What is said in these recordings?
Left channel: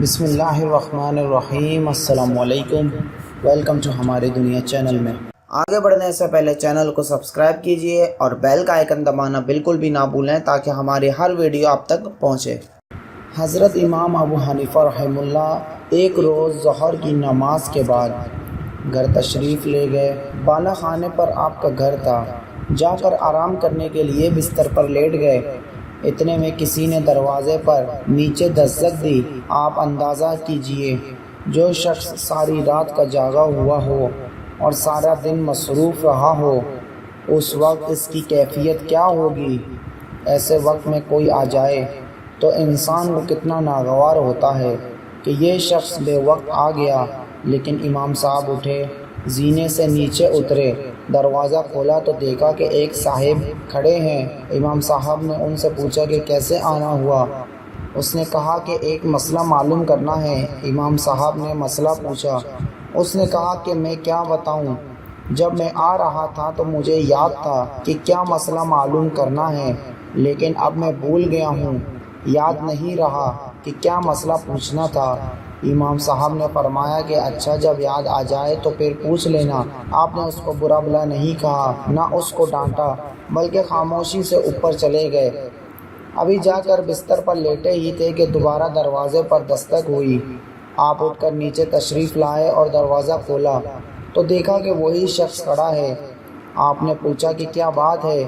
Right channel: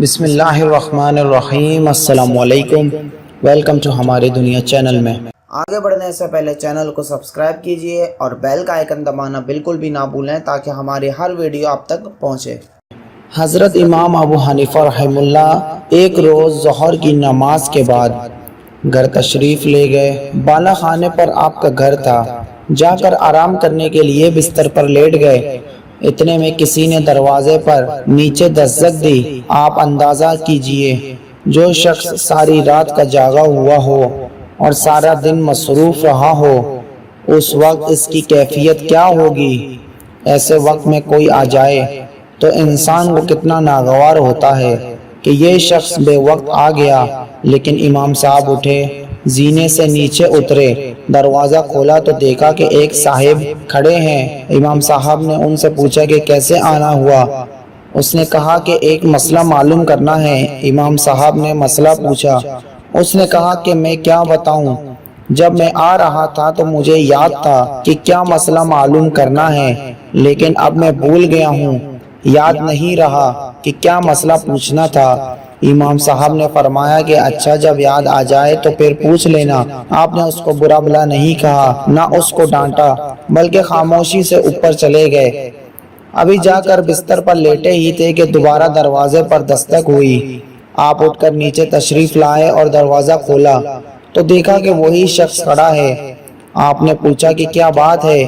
بسم اللہ الرحمن الرحیم۔ السلام علیکم، ویلکم ٹو ہماری دنیا چینل میں۔ آگے بڑھنے سے پہلے چینل کو سبسکرائب کیجئے اور بیل کا آئیکن دبانا بالکل بھی نہ بھولیں تاکہ ہماری ہر ویڈیو آپ تک پہنچے۔ حضرت امام ابو حنیفہ رحمہ اللہ ایک روز ظہر کی نماز کے بعد گھر تشریف لے گئے۔ بالا خانے پر آپ کا گھر تھا، جا کر آرام کرنے کے لیے بستر پر لیٹ گئے۔ اتنے میں کسی نے دروازے پر نیچے دستک دی۔ آپ اندازہ کیجئے جو شخص ساری رات کا جاگا ہوا ہو اور سارا دن مصروف رہا ہو، اس وقت اس کی کیفیت کیا ہوگی۔ ایسے وقت میں کوئی آ جائے تو انسان کو کتنا ناگوار ہوتا ہے کہ یہ شخص بے وقت آ گیا۔ لیکن امام صاحب اٹھے، زینے سے نیچے اترے، دروازہ کھولا تو دیکھا کہ ایک صاحب کھڑے ہیں۔ امام صاحب نے ان سے پوچھا کہ کیسے آنا ہوا۔ اس نے کہا کہ ایک مسئلہ معلوم کرنا ہے۔ امام صاحب نے مسئلہ پوچھا۔ اس نے کہا کہ میں کیا بتاؤں، جب میں آ رہا تھا تو مجھے یاد تھا کہ کیا مسئلہ معلوم کرنا ہے، لیکن اب میں بھول گیا ہوں، یاد نہیں رہا کہ کیا مسئلہ پوچھنا تھا۔ امام صاحب نے فرمایا کہ اچھا، جب یاد آ جائے تو پھر پوچھ لینا۔ آپ نے اس کو برا بھلا نہیں کہا، نہ اس کو ڈانٹا، بلکہ خاموشی سے اوپر چلے گئے۔ ابھی جا کر بستر پر لیٹے ہی تھے کہ دوبارہ دروازے پر دستک ہوئی۔ آپ اٹھ کر نیچے تشریف لائے اور دروازہ کھولا تو دیکھا کہ وہی شخص کھڑا ہے۔ آپ نے پوچھا کہ کیا بات ہے۔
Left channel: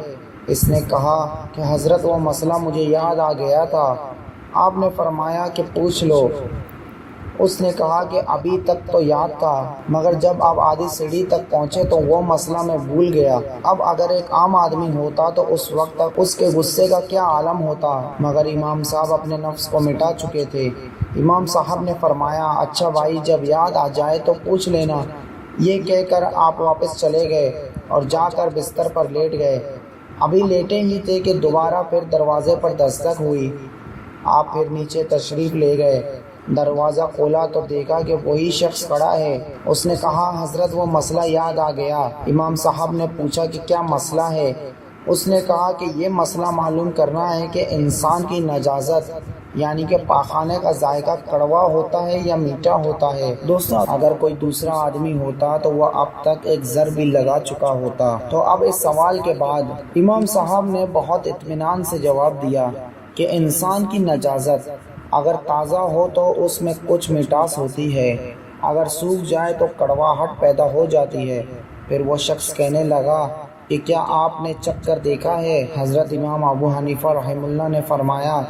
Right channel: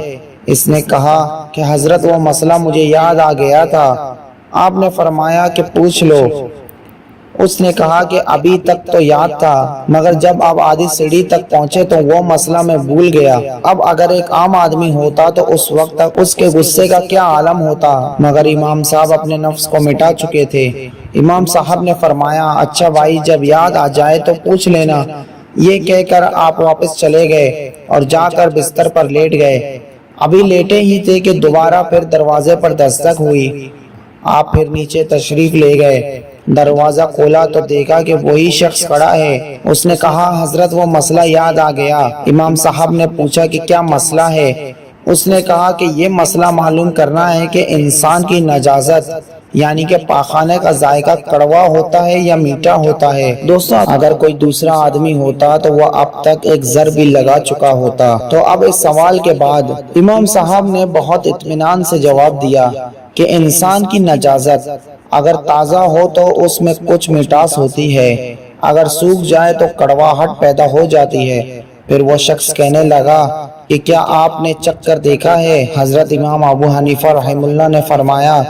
اس نے کہا کہ حضرت وہ مسئلہ مجھے یاد آ گیا تھا۔ آپ نے فرمایا کہ پوچھ لو۔ اس نے کہا کہ ابھی تک تو یاد تھا، مگر جب آپ آدھی سیڑھی تک پہنچے تو وہ مسئلہ میں بھول گیا۔ اب اگر ایک عام آدمی ہوتا تو اس وقت تک اس کے غصے کا کیا عالم ہوتا، مگر امام صاحب اپنے نفس کو مٹا چکے تھے۔ امام صاحب نے فرمایا اچھا بھائی، جب یاد آ جائے تو پوچھ لینا۔ یہ کہہ کر آپ واپس چلے گئے اور جا کر بستر پر لیٹ گئے۔ ابھی لیٹے ہی تھے کہ دوبارہ پھر دروازے پر دستک ہوئی۔ آپ پھر نیچے تشریف لے گئے، دروازہ کھولا تو دیکھا کہ وہی شخص کھڑا ہے۔ اس نے کہا حضرت وہ مسئلہ یاد آ گیا۔ امام صاحب نے پوچھا کہ کیا مسئلہ ہے۔ اس نے کہا کہ یہ مسئلہ معلوم کرنا ہے کہ انسان کی نجاست یعنی کہ پاخانے کا ذائقہ کڑوا ہوتا ہے یا میٹھا ہوتا ہے۔ دوستو، اگر کوئی دوسرا آدمی ہوتا تو وہ اب تک ایک زر بھی لگا چکا ہوتا۔ تو اب اس سوال کے بعد امام صاحب نے بہت اطمینان سے جواب دیا کہ انسان کی نجاست اگر تازہ ہو تو اس میں کچھ مٹاس ہوتی ہے، اگر سوکھ جائے تو کڑواہٹ پیدا ہو جاتی ہے۔ پھر وہ شخص کہنے لگا کہ کیا آپ نے چکھ کر دیکھا ہے؟ حضرت امام ابو حنیفہ رحمہ اللہ نے فرمایا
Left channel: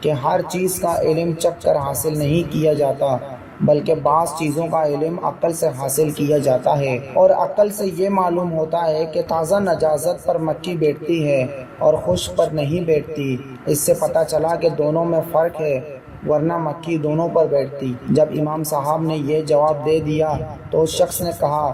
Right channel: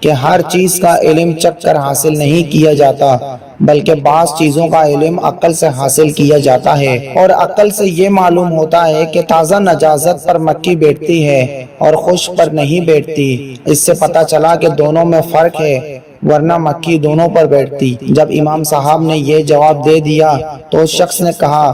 کہ ہر چیز کا علم چکھ کر حاصل نہیں کیا جاتا، بلکہ بعض چیزوں کا علم عقل سے حاصل کیا جاتا ہے، اور عقل سے یہ معلوم ہوتا ہے کہ تازہ نجاست پر مکھی بیٹھتی ہے اور خشک پر نہیں بیٹھتی۔ اس سے پتہ چلا کہ دونوں میں فرق ہے، ورنہ مکھی دونوں پر بیٹھتی۔ جب امام صاحب نے یہ جواب دے دیا تو اس شخص نے کہا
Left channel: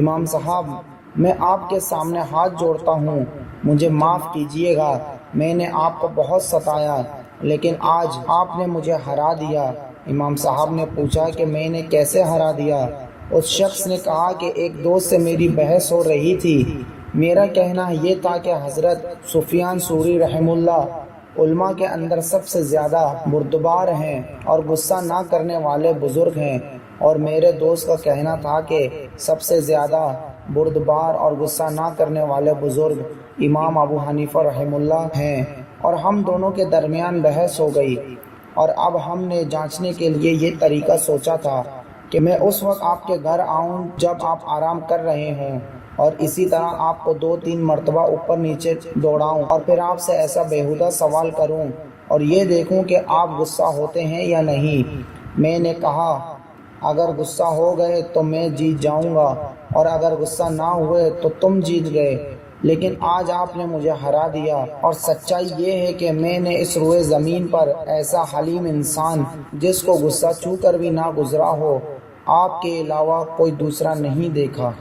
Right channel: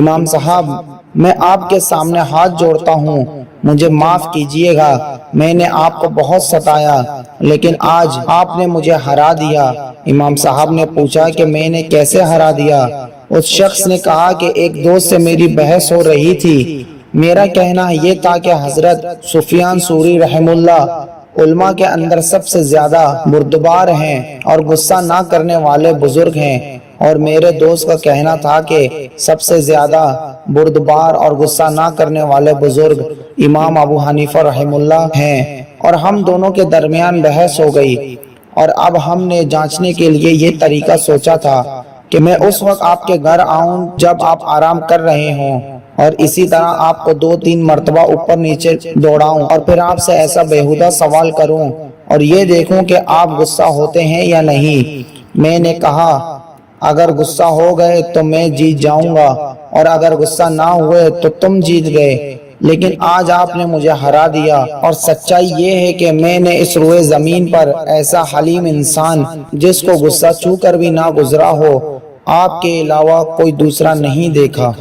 امام صاحب، میں آپ کے سامنے ہاتھ جوڑتا ہوں، مجھے معاف کیجئے گا، میں نے آپ کو بہت ستایا، لیکن آج آپ نے مجھے ہرا دیا۔ امام صاحب نے پوچھا کہ میں نے کیسے ہرا دیا؟ اس شخص نے کہا کہ ایک دوست سے میری بحث ہو رہی تھی، میرا کہنا یہ تھا کہ حضرت سفیان ثوری رحمہ اللہ علماء کے اندر سب سے زیادہ بردبار ہیں اور غصہ نہ کرنے والے بزرگ ہیں، اور میرے دوست کا کہنا تھا کہ سب سے زیادہ بردبار اور غصہ نہ کرنے والے بزرگ امام ابو حنیفہ رحمہ اللہ ہیں، اور ہم دونوں کے درمیان بحث ہو گئی، اور اب ہم نے جانچنے کے لیے یہ طریقہ سوچا تھا کہ میں اس وقت آپ کے گھر آؤں جب آپ آرام کر رہے ہوں، اور اسی طرح آپ کو 2-3 مرتبہ اوپر نیچے دوڑاؤں، اور پھر آپ سے ایسا بیہودہ سوال کروں اور یہ دیکھوں کہ آپ غصہ ہوتے ہیں یا نہیں۔ میں نے کہا اگر غصہ ہو گئے تو میں جیت جاؤں گا، اور اگر غصہ نہ ہوئے تو تم جیت گئے، لیکن آج آپ نے مجھے ہرا دیا، اور سچائی یہ ہے کہ میں نے اس روئے زمین پر ایسا حلیم انسان جس کو غصہ چھو کر بھی نہ گزرا ہو، آپ کے علاوہ کوئی دوسرا نہیں دیکھا۔